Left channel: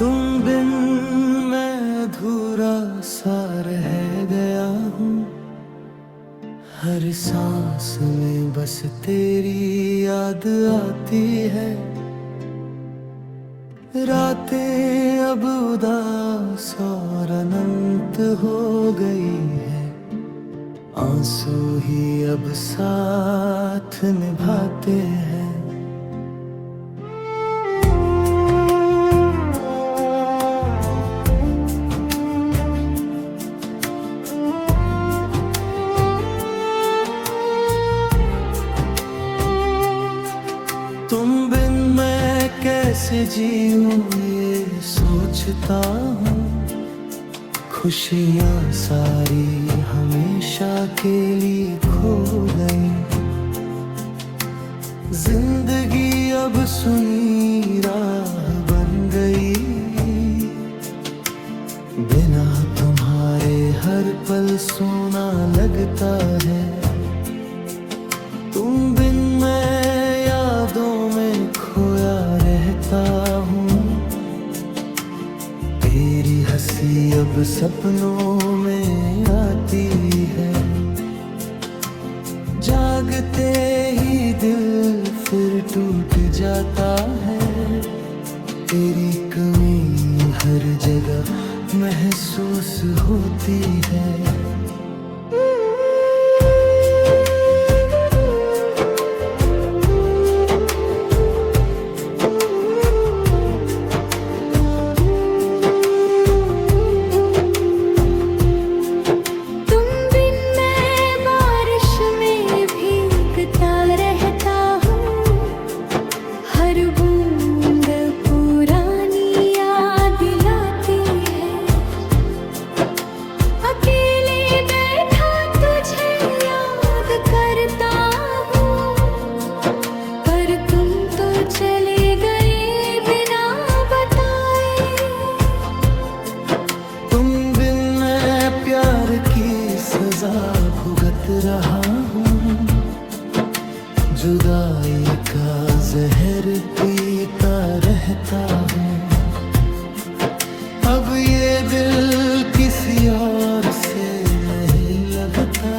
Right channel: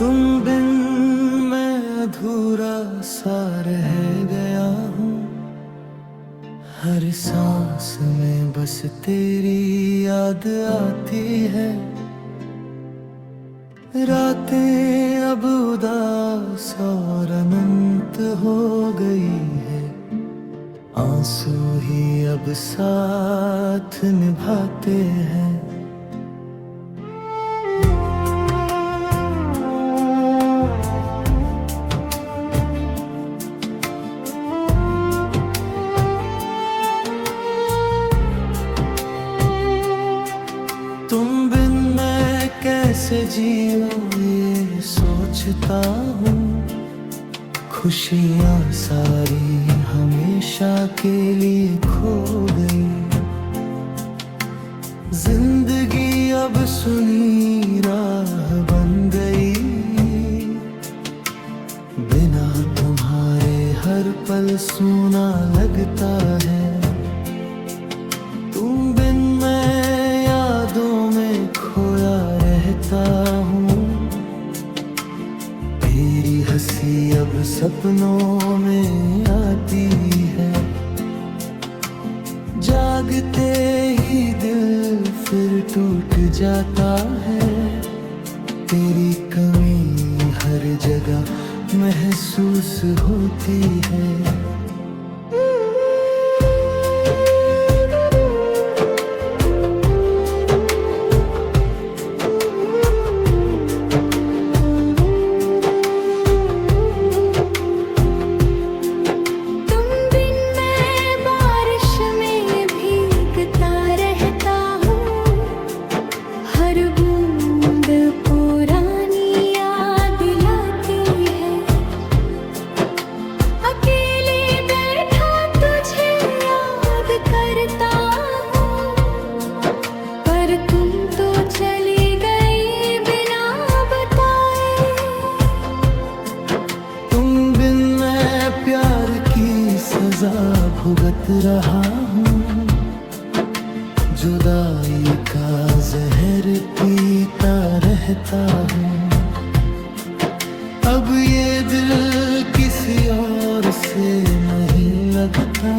तुम बिन मैं अधूरा सा रह गया हूँ। हर सांस में बस तेरी याद आती है। रातें अब उदास और अनंत हो गई है। आंसू ही अब साथ निभाते हैं। तुम बिन मैं कैसे जीऊं ये सोचता हूँ। खुशियाँ सारी हमेशा के लिए खो गई। जिंदगी अब सुनी राह बन गई। बिना तुम्हारे हर पल सूना लगता है। तुम बिन मैं यादों में खोया रहता हूँ। तेरी हंसी अब सपनों में आती है। जागते ही दिल फिर टूट जाता है। तेरी कमी हर जगह महसूस होती है। रहता हूँ हर बूंद पुरानी याद दिलाती है। अकेले बैठा तुझे याद करता हूँ। पर तुम तो चले गए बिना बताए। तुम बिन मैं प्यार की सजा भुगत रहा हूँ। जुदाई का जहर पीता रहता हूँ। अब ये दिल किसी और से नहीं लगता।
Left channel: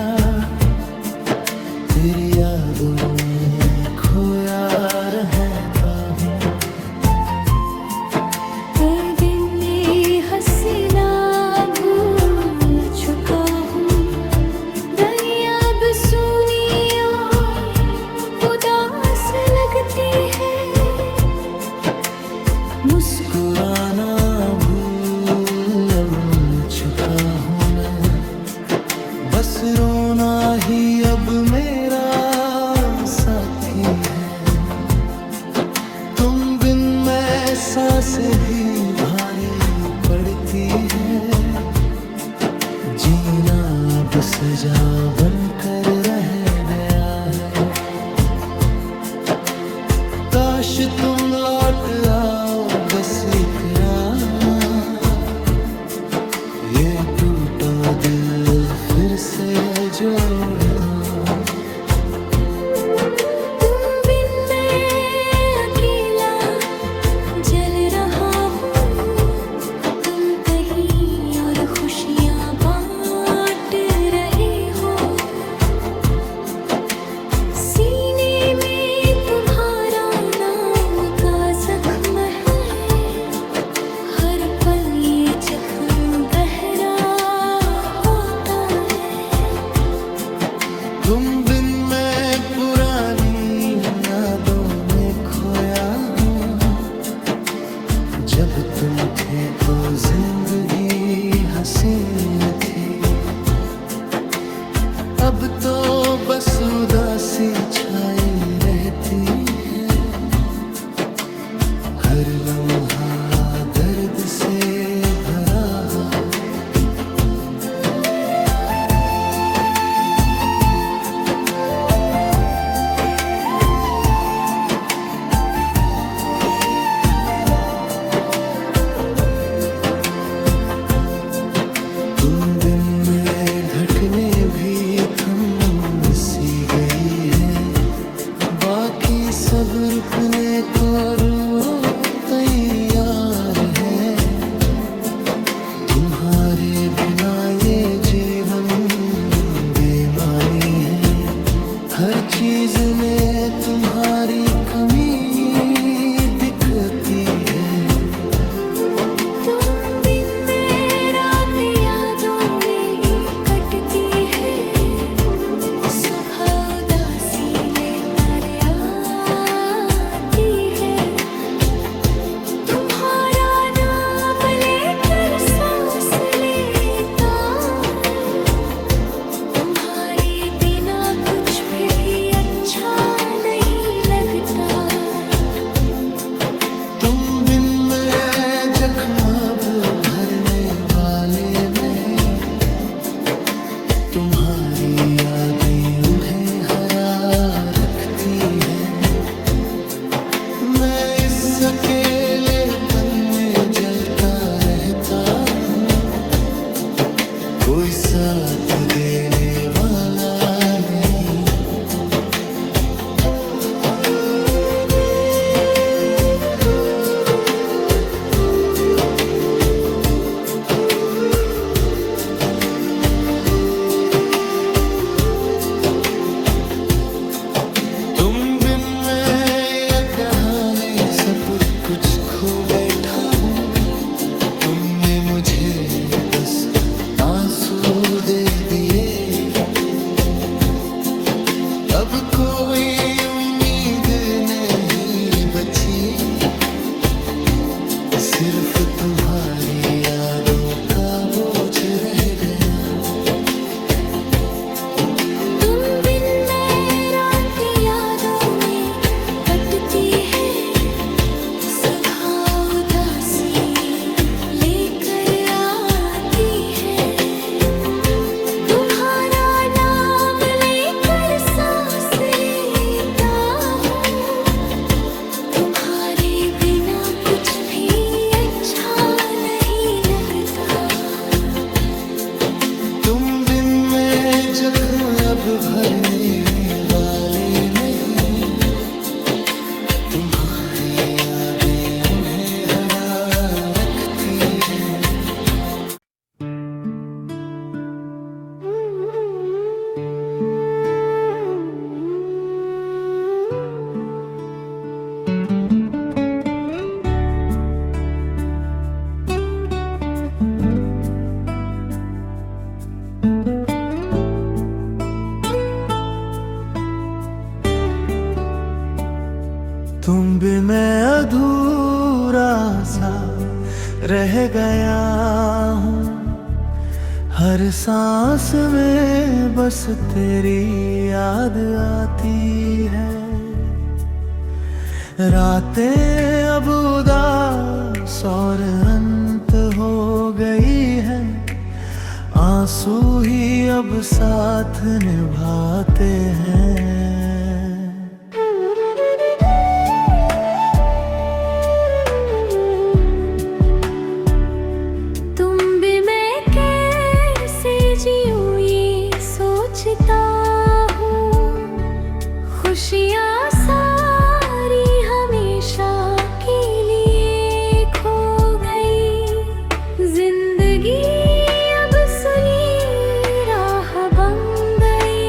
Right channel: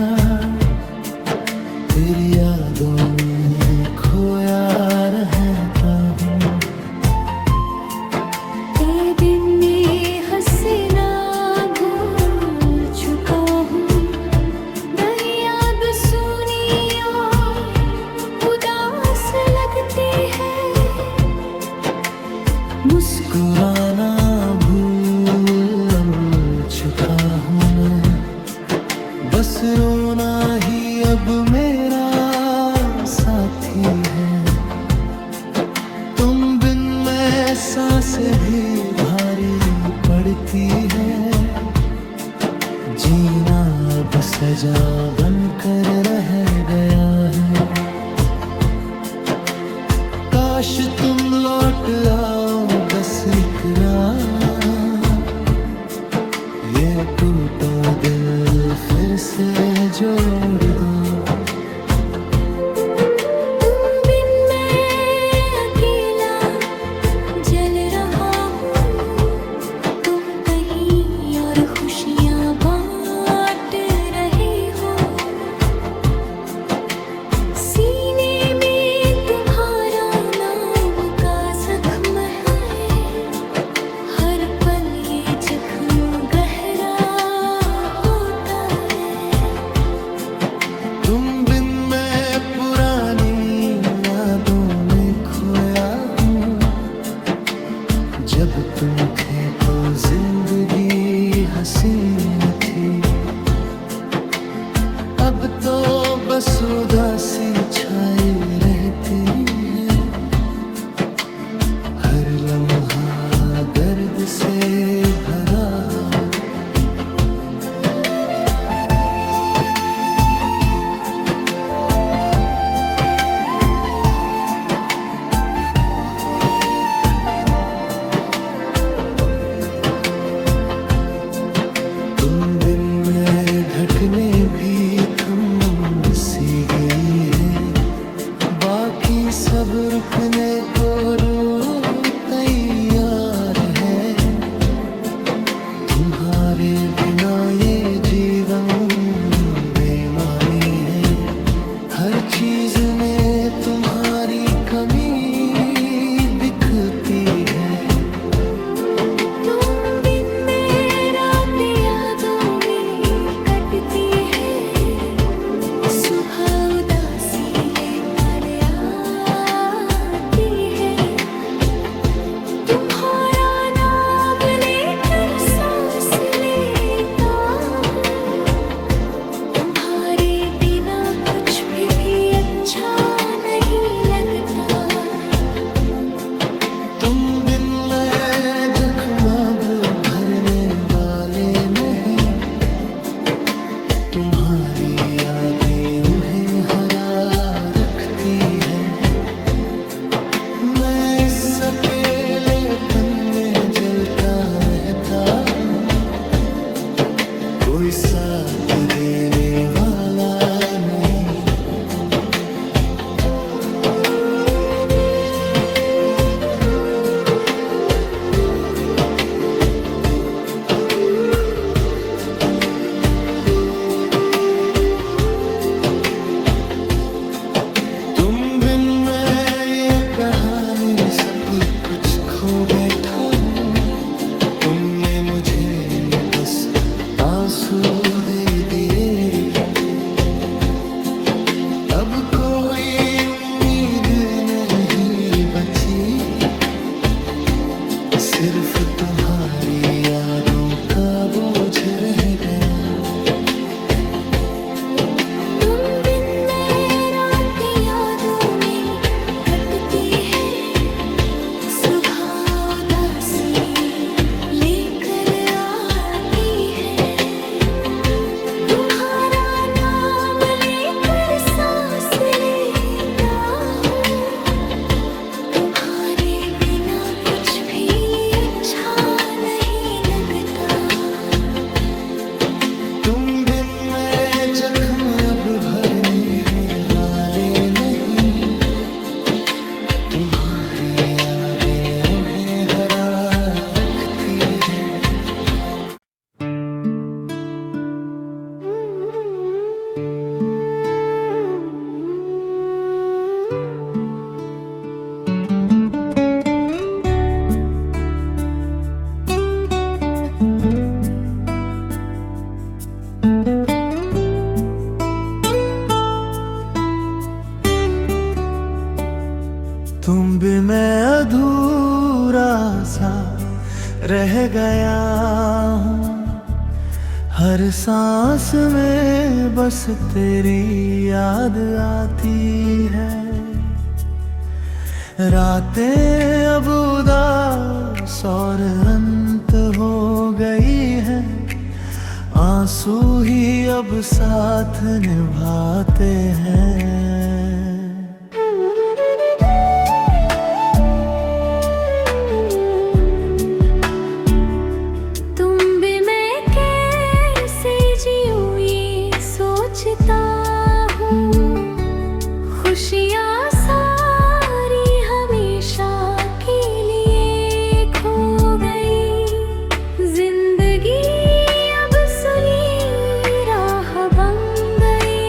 तेरी यादों में खोया रहता हूँ। तेरे दिन में हंसना भूल चुका हूँ। गई अब सुनी मुस्कुराना भूल चुका हूँ मैं। बस रोना ही अब मेरा साथी है। तुम बिन मैं सांसें भी भारी पड़ती है। जीना अब सजा बनकर रह गया है। काश तुम लौट आओ बस एक रात। ये टूटा दिल फिर से जोड़ दो। तुम बिन मैं अकेला जल रहा हूँ। तुम कहीं और खुशियाँ बांट रहे हो। जख्म है हर पल ये जख्म गहरा होता है। तुम बिन मैं पुरानी यादों में खोया हूँ। जब तुम थे तो जिंदगी हसीन थी। अब तो बस उदासी छाई रहती है। हर लम्हा दर्द से भरा। तुम बिन में धड़कने भी थम सी गई है। बाकी सब रुकने को रो तैयार है। तुम्हारे बिना ये जीवन बेमानी है। हर चीज में तुम्हारी कमी दिखती है। तुम बिन मेरा यादों में कटती है। सुबह उदासी लेता आती है। तुम्हारा नाम लेकर सांस लेता हूँ। तुम्हारे बिना कुछ भी अच्छा नहीं लगता। तुम बिन मैं जख्म अब भरने वाले नहीं। तुम्हारी यादें उन्हें हरा रखती है। मैं इस अकेलेपन में जलता रहता हूँ। कोई साथ देने वाला नहीं। कहानी सब कुछ खो बैठा हूँ। तुमने मुझे बस आंसू दे दिए। अब कोई उम्मीद नहीं बची। सिर्फ तुम्हारी यादों का बोझ रह गया। है सुबह उदासी लेकर आती है। तुम्हारा नाम लेकर सांस लेता हूँ। तुम्हारे बिना कुछ भी अच्छा नहीं लगता। तुम बिन मैं जख्म अब भरने वाले नहीं। तुम्हारी यादें उन्हें हरा रखती है। तुम भी मैं अधूरा सा रह गया हूँ। हर सांस में बस तेरी याद आती है। रातें अब उदास और अंत हो गई है। आंसू ही अब साथ निभाते हैं। खुशियाँ सारी हमेशा के लिए खो गई। जिंदगी अब सुनी राह बन गई।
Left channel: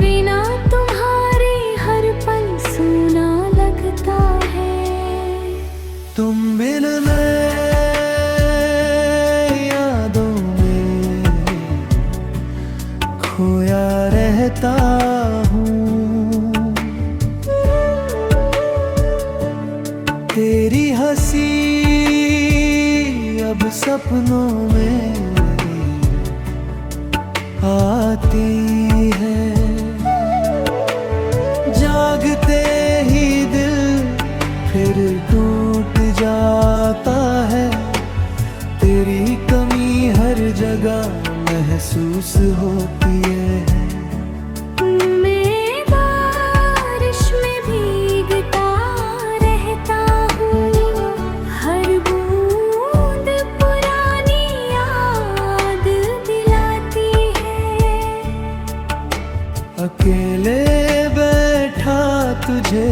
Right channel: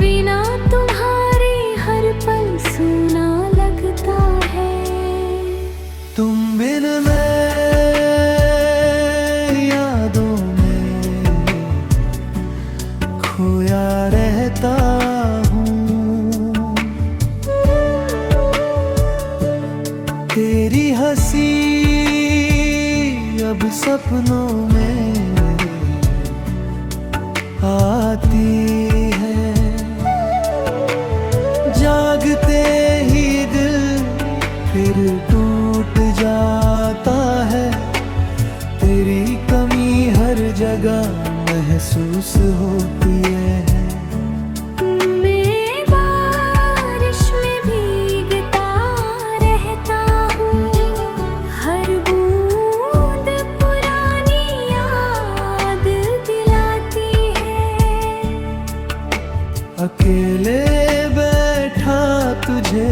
बिना तुम्हारे हर पल सूना लगता है। तुम बिन मैं यादों में खोया रहता हूँ। तेरी हंसी अब सपनों में आती है। जागते ही दिल फिर टूट जाता है। तेरी कमी हर जगह महसूस होती है। मैं बारिश में भीगता रहता हूँ। हर बूंद पुरानी याद दिलाती है। अकेले बैठा तुझे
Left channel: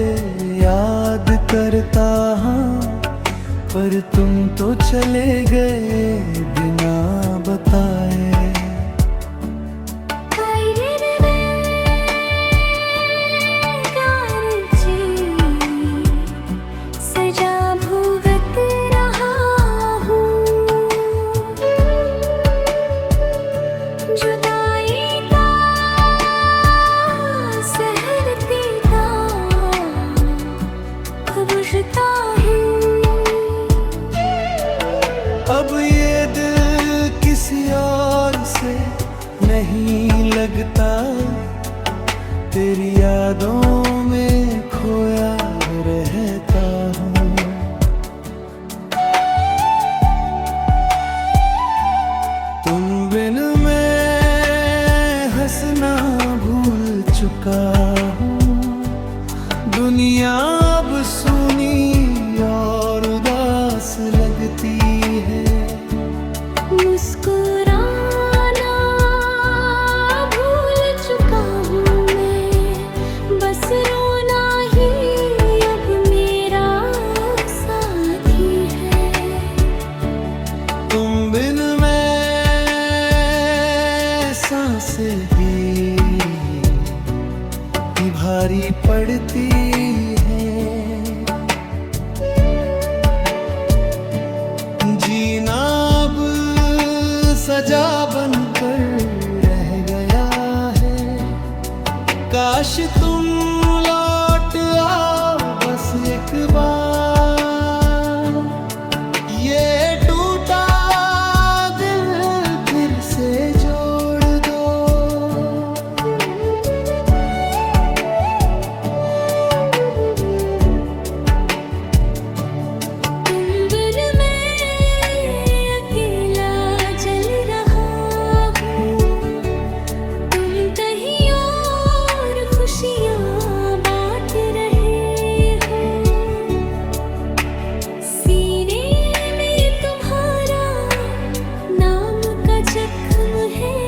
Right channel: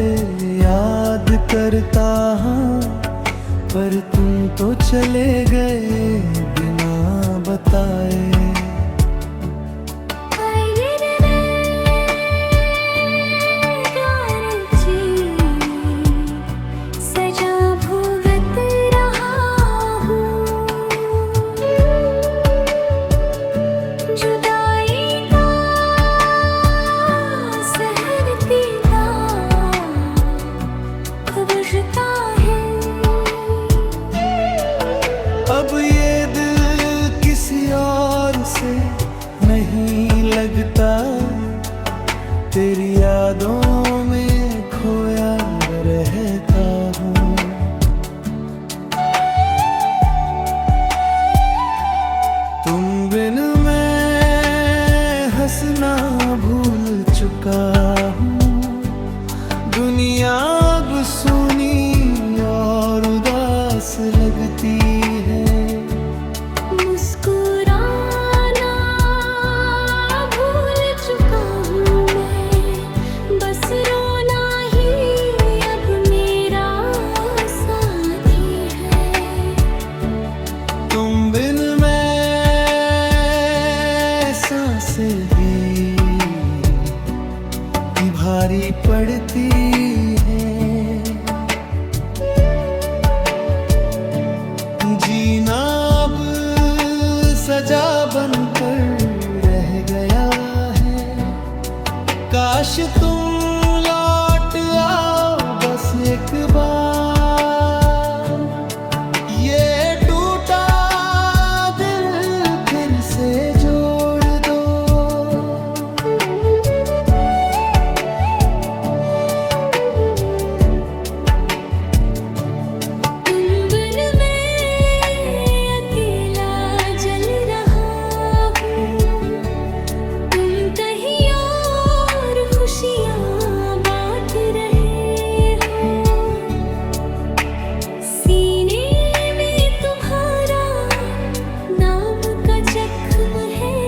याद करता हूँ। पर तुम तो चले गए बिना बताए। सजा भुगत रहा हूँ, जुदाई का सहरती का बुझता है। अब ये दिल किसी और से नहीं लगता, तेरी यादों में खोया रहता हूँ। तुम बिन मैं हंसना भूल चुका हूँ, दुनिया अब सुनी और उदास लगती है। मुस्कुराना भूल चुका हूँ मैं, बस रोना ही अब मेरा साथी है। तुम बिन मैं सांसें भी भारी पड़ती है। जीना अब सजा बनकर रह गया है। काश तुम लौट आओ बस एक बार, ये टूटा दिल फिर से जोड़ दो। तुम बिन मैं अकेला जल रहा हूँ, तुम कहीं और खुशियाँ बांट रहे हो। सीने में तुम्हारा नाम का जख्म है,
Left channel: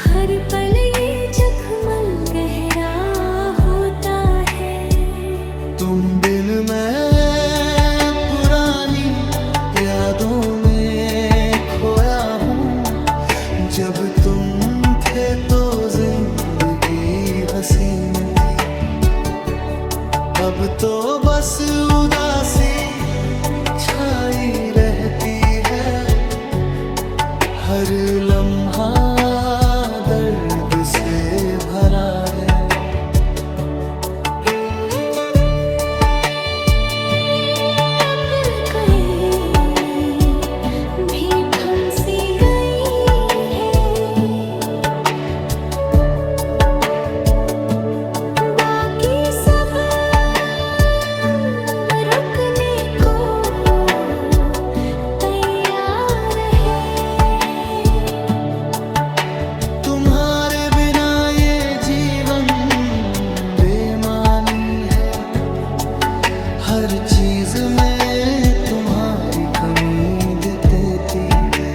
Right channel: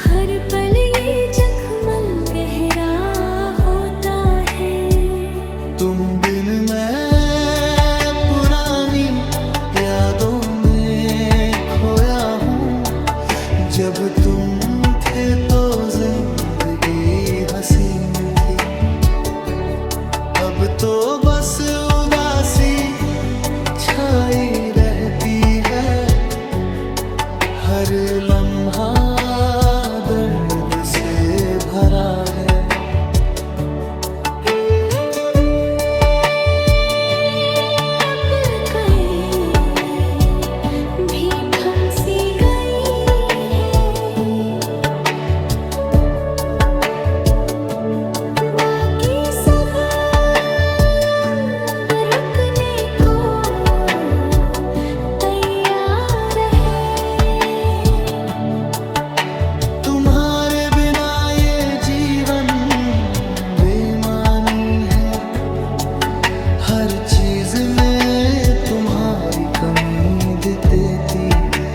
हर पल ये जख्म गहरा होता है। तुम बिन मैं पुरानी यादों में खोया हूँ, जब तुम थे तो जिंदगी हसीन थी। अब तो बस उदासी छाई रहती है, हर लम्हा दर्द से भरा है। अब कोई भी हमसे गई है, बाकी सब रुकने को तैयार है। तुम्हारे बिना ये जीवन बेमानी है, हर चीज में तुम्हारी कमी देती है।